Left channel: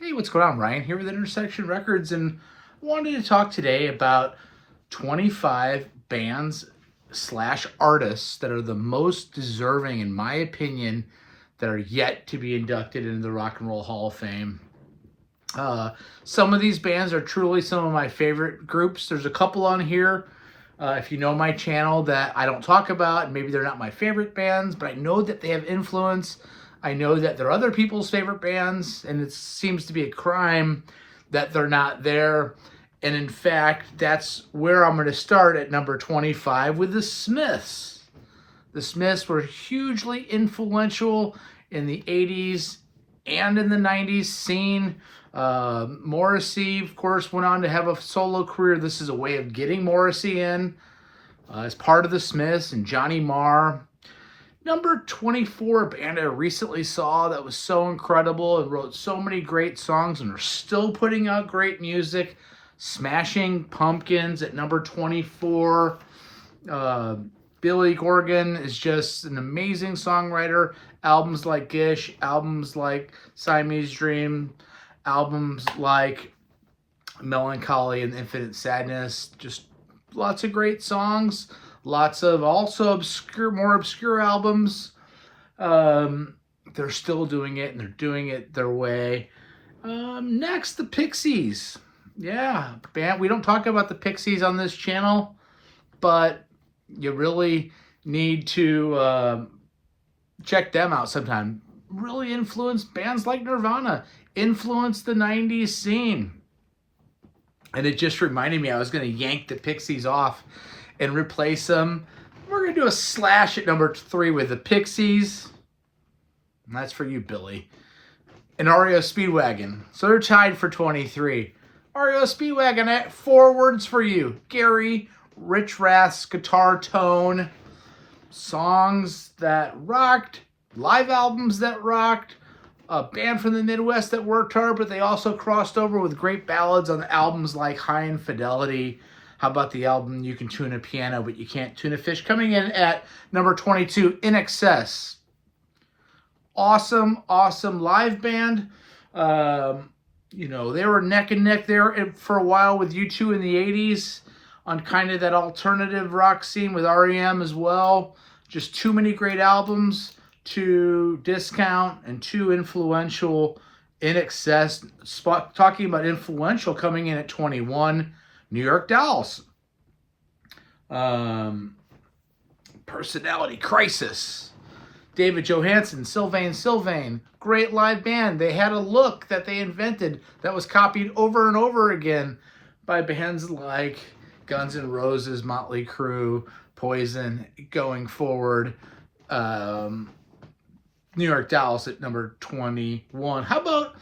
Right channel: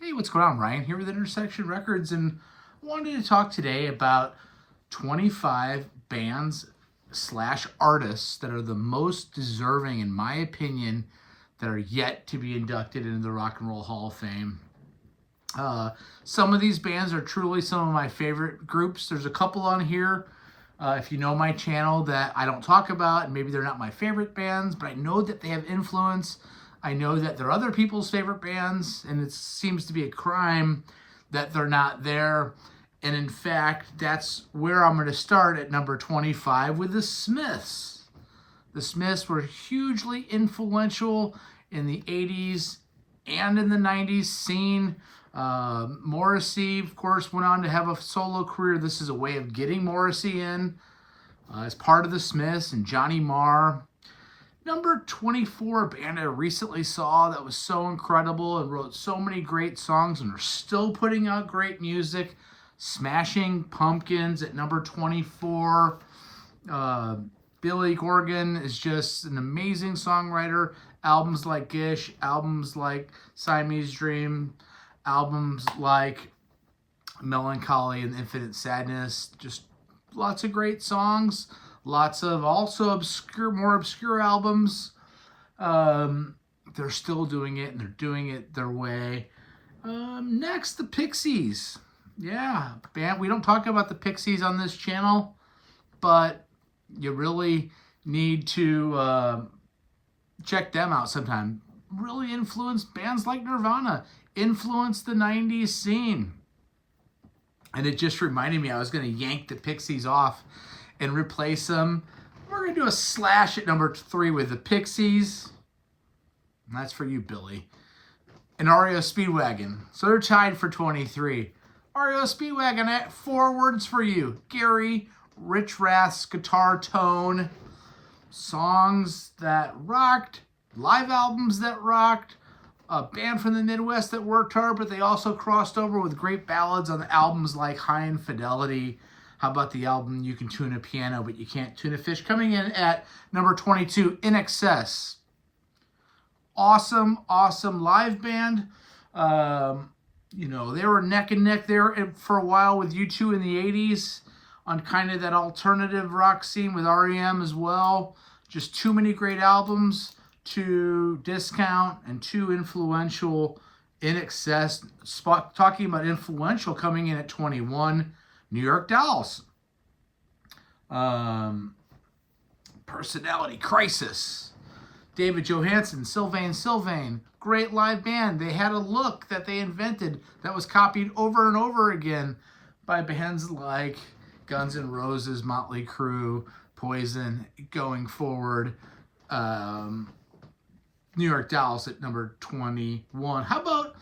Hey, what's going on? Ryan here with Intersection Records, and I wanted to talk today about 25 bands slash artists that are the most deserving, in my opinion, that are yet to be inducted into the Rock and Roll Hall of Fame. Some of these bands are truly some of my favorite groups. There's a couple on here, if you know my channel, that I don't talk about, and maybe they're not my favorite bands, but I know that they have influence. I know that they're other people's favorite bands, and it seems to be a crime that they're not there. And in fact, that's where I'm going to start at number 25 with the Smiths. The Smiths were hugely influential in the 80s and in the 90s scene. Morrissey, of course, went on to have a solo career. This is a way of getting Morrissey in as part of the Smiths, and Johnny Marr. Number 24, a band I recently saw that was so incredible and wrote so many great songs and are still putting out great music. Smashing Pumpkins at number 24. Billy Corgan is just an amazing songwriter. Albums like Gish, albums like Siamese Dream, albums like Melancholy and Infinite Sadness. Just lots of great songs. Lots of also more obscure albums. They're still doing it, and they're doing it their way. Next, the Pixies. Yeah, band. We don't talk about the Pixies on this channel, but you really need to check them out sometime. Really influenced bands like Nirvana, influenced the 90s scene. And it just reminded me I was going to yank the Pixies off and replace them. We're going to do a slash at number 3 with the Pixies. And that's for you, Billy. And REO Speedwagon. So they're tied for 23. REO Speedwagon at 4 words for you. Gary, Rich Rath's guitar tone. Songs that rocked. Live albums that rocked. A band from the Midwest that worked hard, but they also crossed over with great ballads on albums like High Infidelity. How about the album You Can Tune a Piano, but You Can't Tune a Fish? Coming in at number 22, In Excess. Awesome, awesome live band. They were neck and neck there for a while with U2 in the 80s on kind of that alternative rock scene with REM as well. Just too many great albums to discount, and too influential. In Excess. Talking about influential, coming in at 21, New York Dolls. Personality Crisis. David Johansen, Sylvain. Great live band. They had a look that they invented that was copied over and over again by bands like Guns N' Roses, Motley Crue, Poison, going forward. New York Dolls at number 21. How about,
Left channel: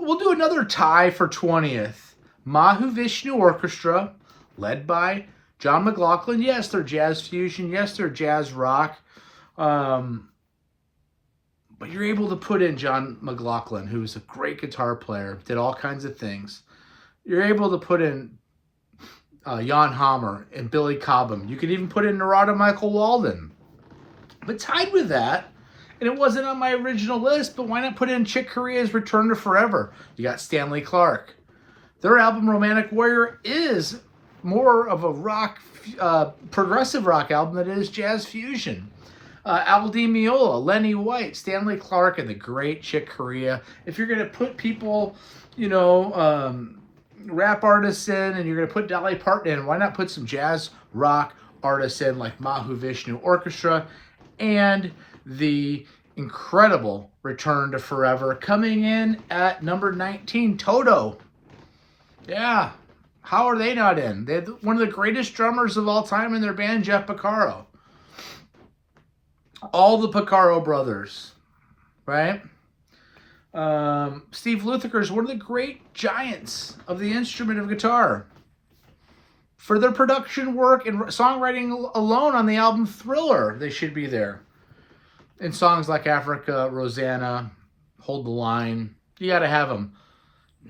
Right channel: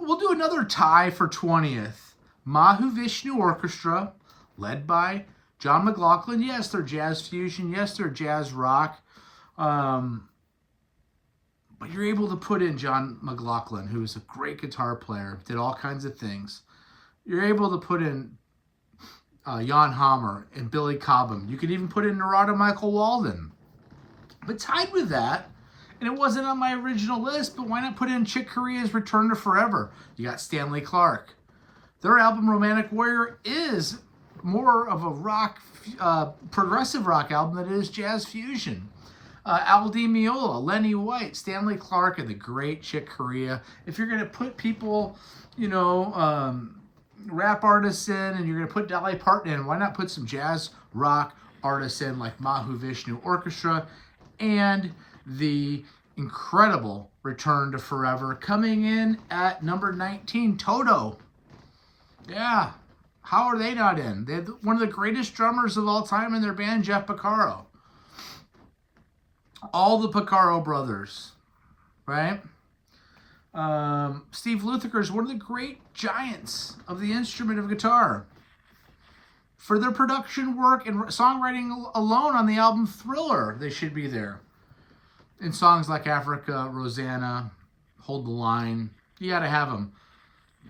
we'll do another tie for 20th. Mahavishnu Orchestra, led by John McLaughlin. Yes, they're jazz fusion. Yes, they're jazz rock. But you're able to put in John McLaughlin, who's a great guitar player, did all kinds of things. You're able to put in Jan Hammer and Billy Cobham. You could even put in Narada Michael Walden. But tied with that, and it wasn't on my original list, but why not put in Chick Corea's Return to Forever? You got Stanley Clarke. Their album Romantic Warrior is more of a rock, progressive rock album than it is jazz fusion. Al Di Meola, Lenny White, Stanley Clarke, and the great Chick Corea. If you're going to put people, rap artists in, and you're going to put Dolly Parton in, why not put some jazz rock artists in like Mahavishnu Orchestra and the incredible Return to Forever? Coming in at number 19, Toto. Yeah, how are they not in? They had one of the greatest drummers of all time in their band, Jeff Porcaro. All the Porcaro brothers, right? Steve Lukather is one of the great giants of the instrument of guitar. For their production work and songwriting alone on the album Thriller, they should be there. And songs like Africa, Rosanna, Hold the Line, you got to have them.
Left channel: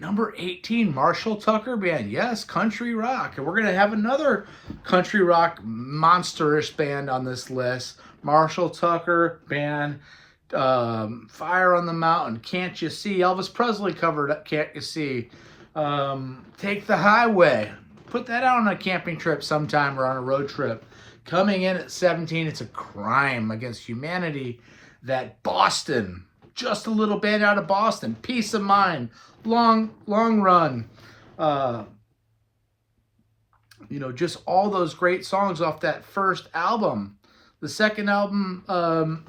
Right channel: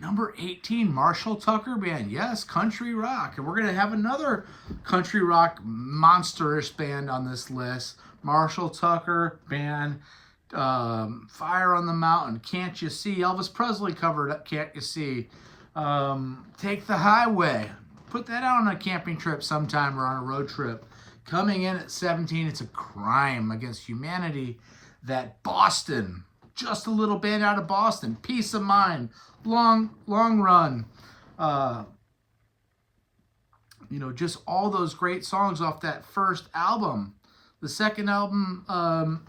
Number 18, Marshall Tucker Band. Yes, country rock. And we're going to have another country rock monsterish band on this list. Marshall Tucker Band Fire on the Mountain, Can't You See? Elvis Presley covered Can't You See? Take the Highway. Put that out on a camping trip sometime or on a road trip. Coming in at 17, it's a crime against humanity that Boston, just a little band out of Boston, Peace of Mind, Long Run, just all those great songs off that first album. The second album,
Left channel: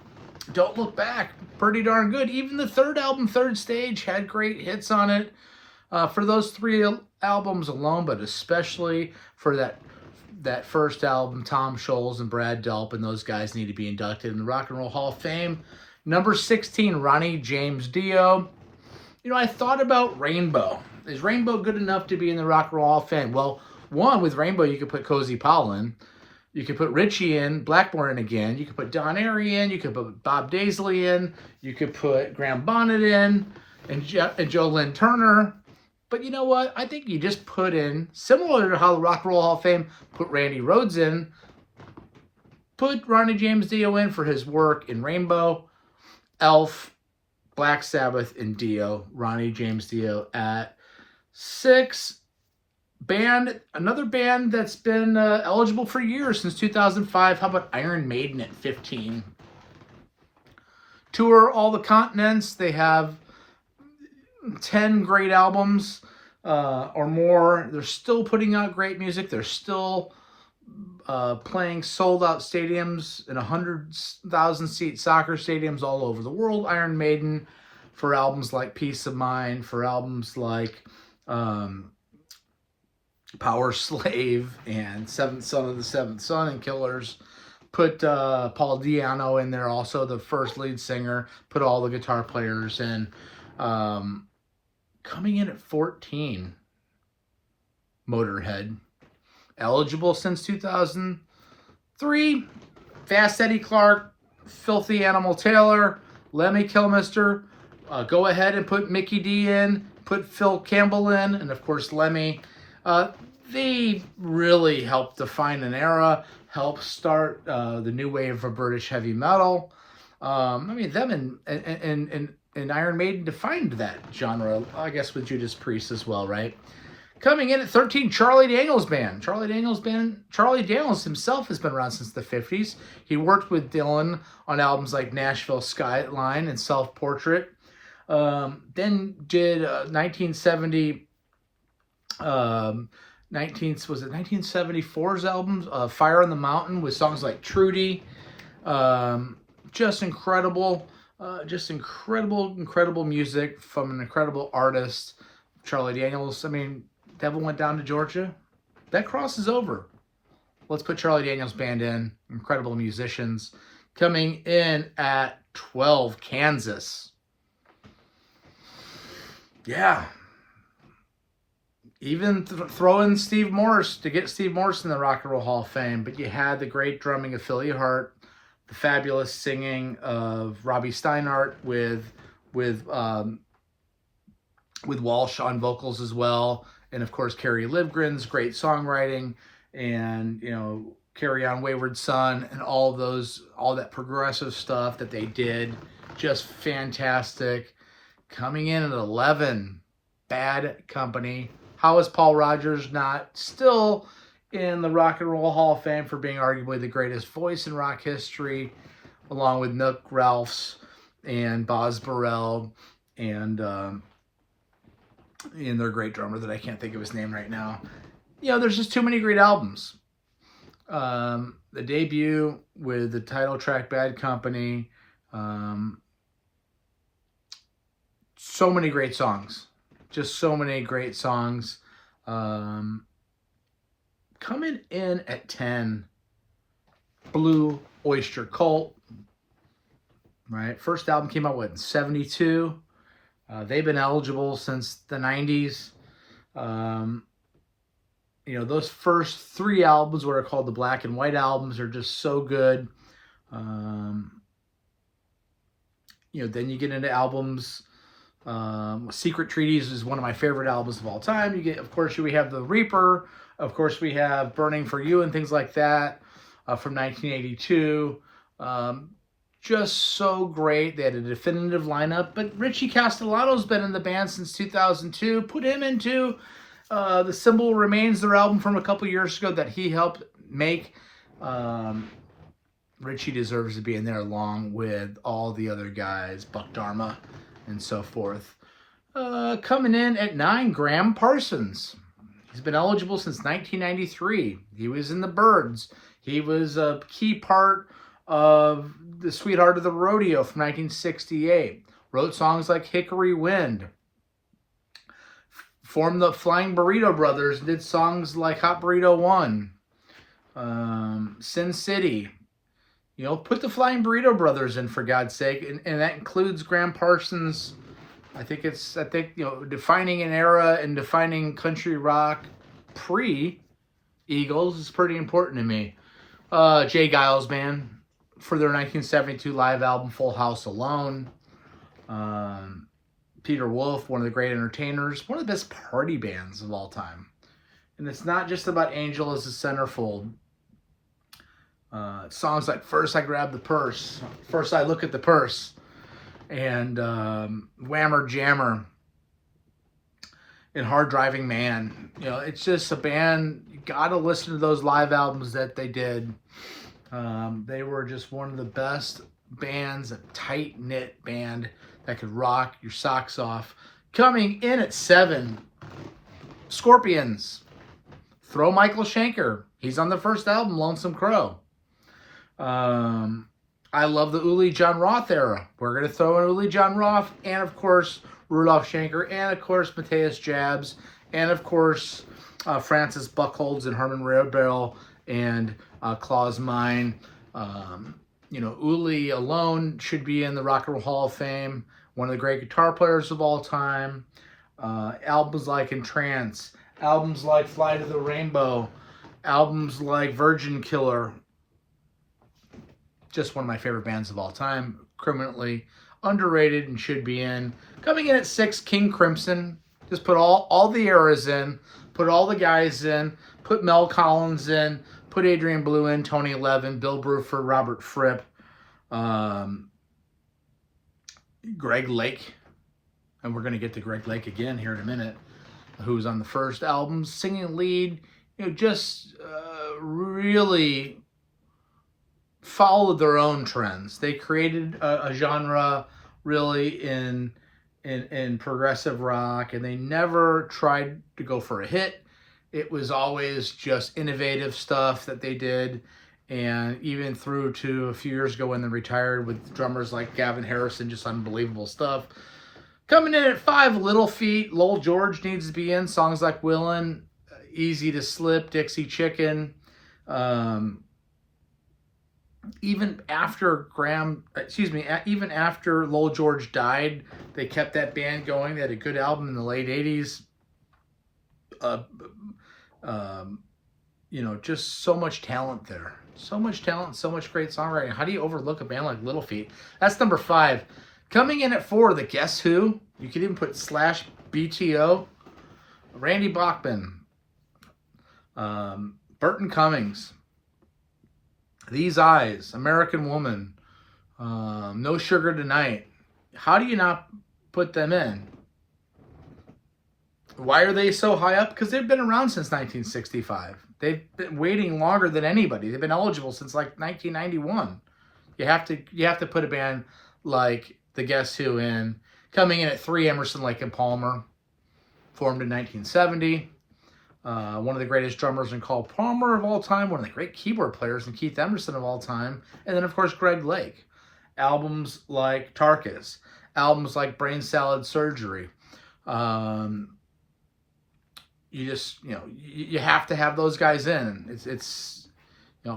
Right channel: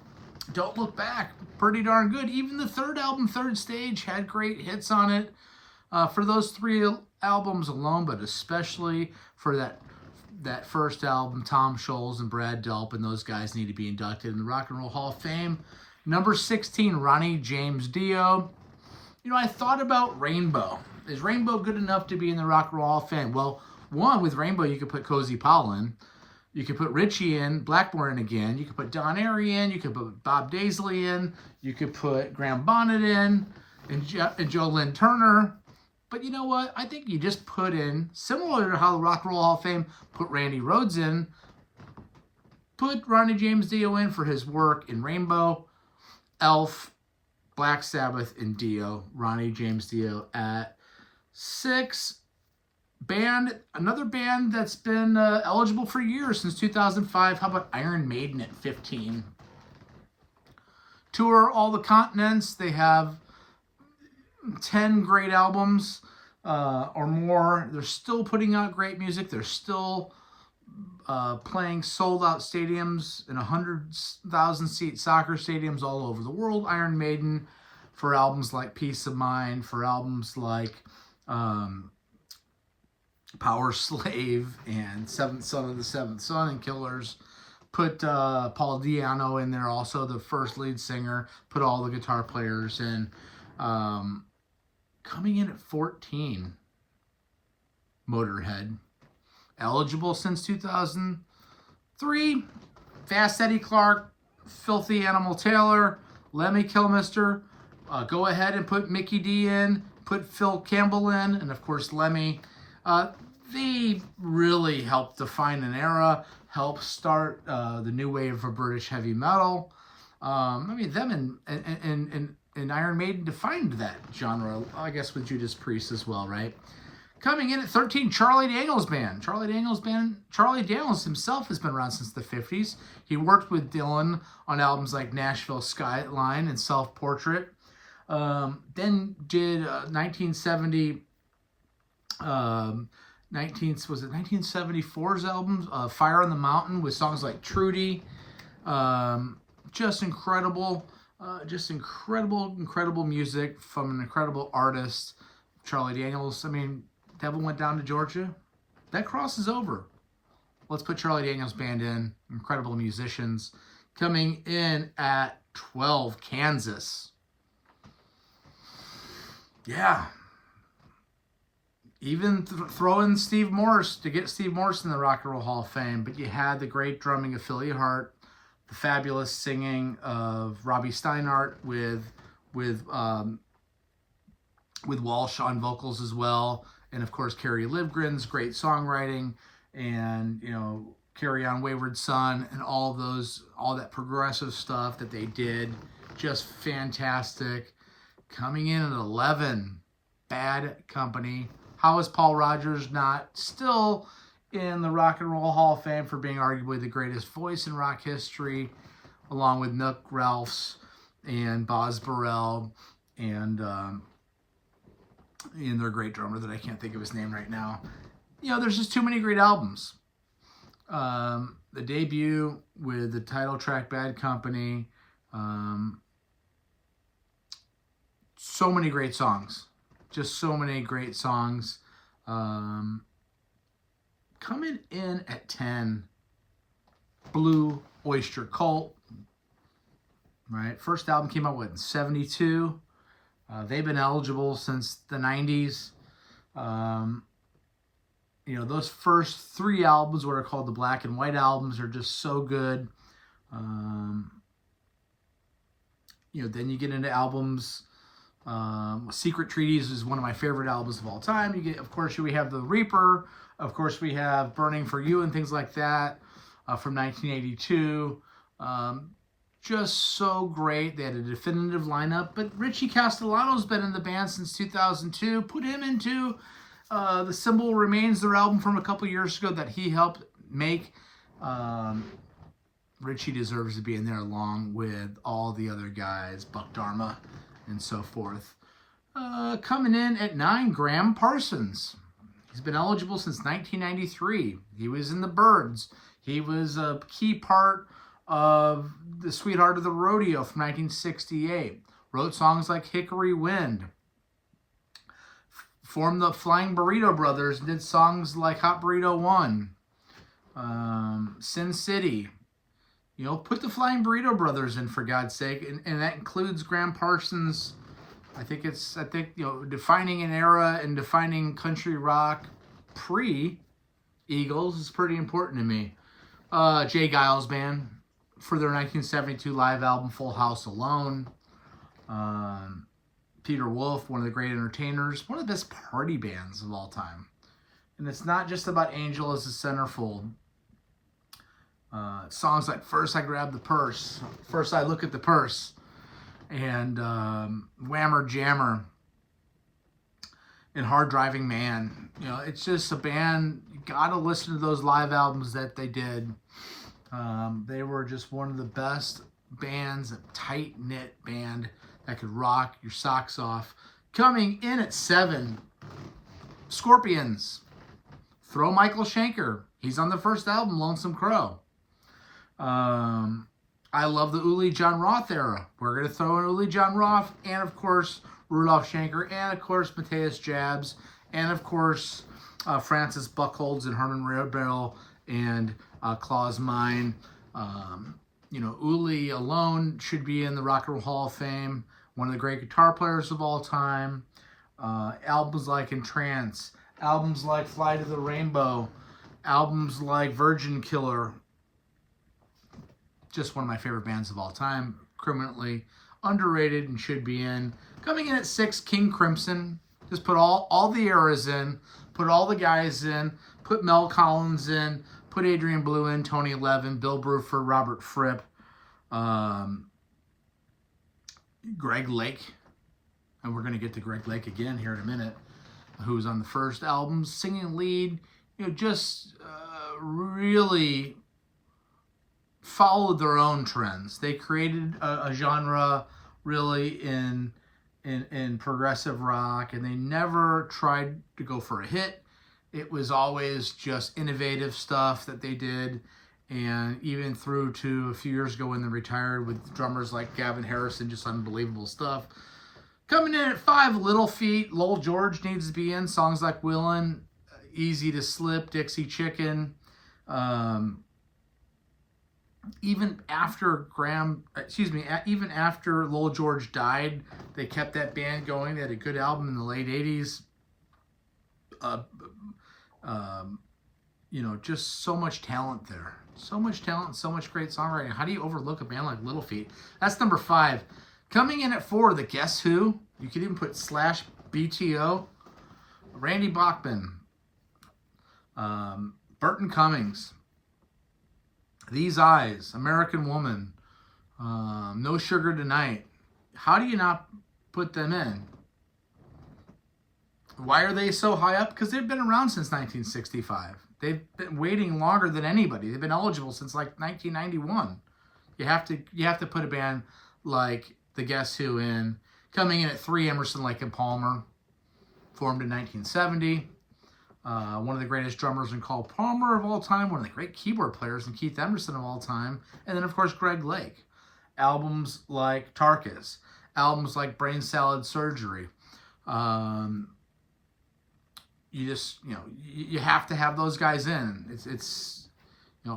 Don't Look Back, pretty darn good. Even the third album, Third Stage, had great hits on it. For those three albums alone, but especially for that first album, Tom Scholz and Brad Delp and those guys need to be inducted in the Rock and Roll Hall of Fame. Number 16, Ronnie James Dio. I thought about Rainbow. Is Rainbow good enough to be in the Rock and Roll Hall of Fame? Well, one, with Rainbow, you could put Cozy Powell in. You could put Richie in, Blackmore in again. You could put Don Airey in. You could put Bob Daisley in. You could put Graham Bonnet in and Joe Lynn Turner. But you know what? I think you just put in, similar to how the Rock and Roll Hall of Fame put Randy Rhoads in, put Ronnie James Dio in for his work in Rainbow, Elf, Black Sabbath, and Dio. Ronnie James Dio at 6. Another band that's been eligible for years, since 2005. How about Iron Maiden at 15? Tour all the continents. They have 10 great albums or more. They're still putting out great music. They're still playing sold-out stadiums in 100,000-seat soccer stadiums all over the world. Iron Maiden, for albums like Peace of Mind, for albums like Power Slave and Seventh Son of the Seventh Son and Killers. Put Paul Di'Anno in there, also the first lead singer. Put all the guitar players in. Coming in at 14, Motorhead. Eligible since 2003. Fast Eddie Clarke, Filthy Animal Taylor, Lemmy Kilmister. Go ahead and put Mickey D in. Put Phil Campbell in. And, of course, Lemmy. They really helped define an era, helped start the new wave of British heavy metal. Them and Iron Maiden defined that genre, I guess, with Judas Priest as well, right? Coming in at 13, Charlie Daniels Band. Charlie Daniels himself has been around since the 50s. He worked with Dylan on albums like Nashville Skyline and Self Portrait. Then did 1974's albums, Fire on the Mountain, with songs like Trudy. Just incredible music from an incredible artist, Charlie Daniels. Devil Went Down to Georgia. That crosses over. Let's put Charlie Daniels Band in. Incredible musicians. Coming in at 12, Kansas. Yeah. Even throw in Steve Morse to get Steve Morse in the Rock and Roll Hall of Fame. But you had the great drumming of Philly Hart, the fabulous singing of Robbie Steinhardt with Walsh on vocals as well. And, of course, Kerry Livgren's great songwriting and, Carry On Wayward Son and all that progressive stuff that they did. Just fantastic. Coming in at 11, Bad Company. How is Paul Rodgers not still in the Rock and Roll Hall of Fame for being arguably the greatest voice in rock history, along with Nook Ralphs and Boz Burrell and their great drummer that I can't think of his name right now. There's just too many great albums. The debut with the title track Bad Company. So many great songs. Just so many great songs. Coming in at 10, Blue Oyster Cult. Right? First album came out, in 72? They've been eligible since the 90s. Those first 3 albums, what are called the Black and White albums, are just so good. Then you get into albums. Secret Treaties is one of my favorite albums of all time. Of course, we have The Reaper. Of course, we have Burning for You and things like that from 1982. just so great. They had a definitive lineup, but Richie Castellano's been in the band since 2002. Put him into The Symbol Remains, their album from a couple years ago that he helped make. Richie deserves to be in there along with all the other guys, Buck Dharma and so forth. Coming in at 9, Graham Parsons. He's been eligible since 1993. He was in the Byrds. He was a key part of the Sweetheart of the Rodeo from 1968. Wrote songs like Hickory Wind. Formed the Flying Burrito Brothers and did songs like Hot Burrito 1. Sin City. You know, put the Flying Burrito Brothers in, for God's sake. And that includes Graham Parsons. I think, you know, defining an era and defining country rock pre-Eagles is pretty important to me. Jay Giles Band for their 1972 live album Full House Alone. Peter Wolf, one of the great entertainers, one of the best party bands of all time. And it's not just about Angel as a centerfold. Songs like First I Grab the Purse, First I Look at the Purse, and Whammer Jammer, and Hard Driving Man. You know, it's just a band, you gotta listen to those live albums that they did. They were just one of the best bands, a tight-knit band that could rock your socks off. Coming in at 7, Scorpions. Throw Michael Schenker. He's on the first album, Lonesome Crow. I love the Uli John Roth era. We're going to throw in Uli John Roth, and of course, Rudolph Schenker, and of course, Matthias Jabs, and of course, Francis Buchholz and Herman Rarebell, and Klaus Meine. You know, Uli alone should be in the Rock and Roll Hall of Fame. One of the great guitar players of all time. Albums like Entrance, albums like Fly to the Rainbow, albums like Virgin Killer. Just one of my favorite bands of all time. Criminally underrated and should be in. Coming in at 6, King Crimson. Just put all the eras in. Put all the guys in. Put Mel Collins in. Put Adrian Belew in. Tony Levin. Bill Bruford. Robert Fripp. Greg Lake. And we're going to get to Greg Lake again here in a minute. Who was on the first album. Singing lead. You know, just really followed their own trends. They created a genre really in progressive rock, and they never tried to go for a hit. It was always just innovative stuff that they did, and even through to a few years ago when they retired with drummers like Gavin Harrison, just unbelievable stuff. Coming in at 5, Little Feat. Lowell George needs to be in. Songs like Willin', Easy to Slip, Dixie Chicken. Even after even after Lowell George died, they kept that band going. They had a good album in the late 80s. You know, just so much talent there. So much talent, so much great songwriting. How do you overlook a band like Little Feat? That's number 5. Coming in at 4, the Guess Who. You could even put Slash BTO. Randy Bachman. Burton Cummings. These Eyes, American Woman, No Sugar Tonight. How do you not put them in? Why are they so high up? Because they've been around since 1965. They've been waiting longer than anybody. They've been eligible since like 1991. You have to put a band like the Guess Who in. Coming in at 3, Emerson, Lake and Palmer, formed in 1970. One of the greatest drummers in Carl Palmer of all time, one of the great keyboard players in Keith Emerson of all time, and then, of course, Greg Lake. Albums like Tarkus, albums like Brain Salad Surgery. You have to have those guys in. It's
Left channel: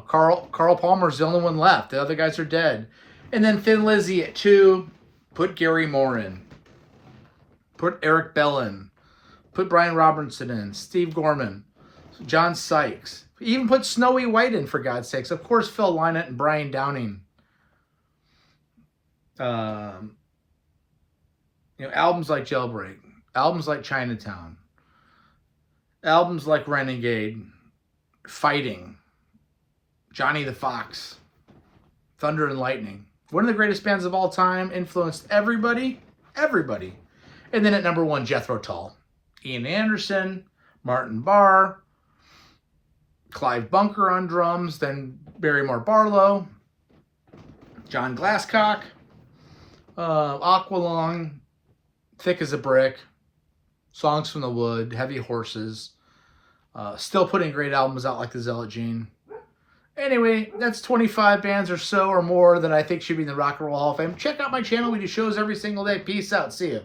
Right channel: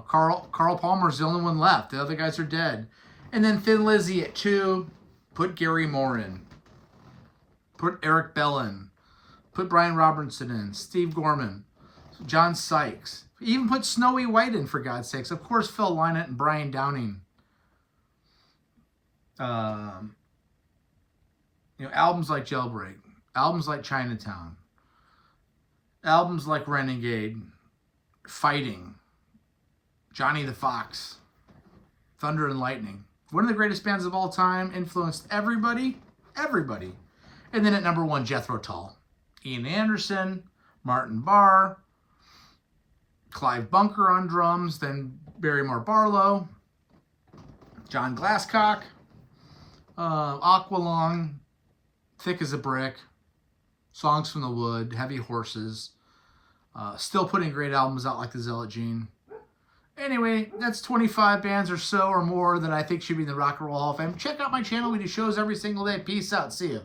Carl Palmer's the only one left. The other guys are dead. And then Thin Lizzy at 2, put Gary Moore in. Put Eric Bell in. Put Brian Robertson in, Steve Gorman, John Sykes. Even put Snowy White in, for God's sakes. Of course, Phil Lynott and Brian Downing. Albums like Jailbreak, albums like Chinatown, albums like Renegade, Fighting, Johnny the Fox, Thunder and Lightning. One of the greatest bands of all time, influenced everybody. And then at number 1, Jethro Tull. Ian Anderson, Martin Barr, Clive Bunker on drums, then Barrymore Barlow, John Glasscock, Aqualung, Thick as a Brick, Songs from the Wood, Heavy Horses, still putting great albums out like the Zealot Gene. Anyway, that's 25 bands or so or more that I think should be in the Rock and Roll Hall of Fame. Check out my channel. We do shows every single day. Peace out. See you.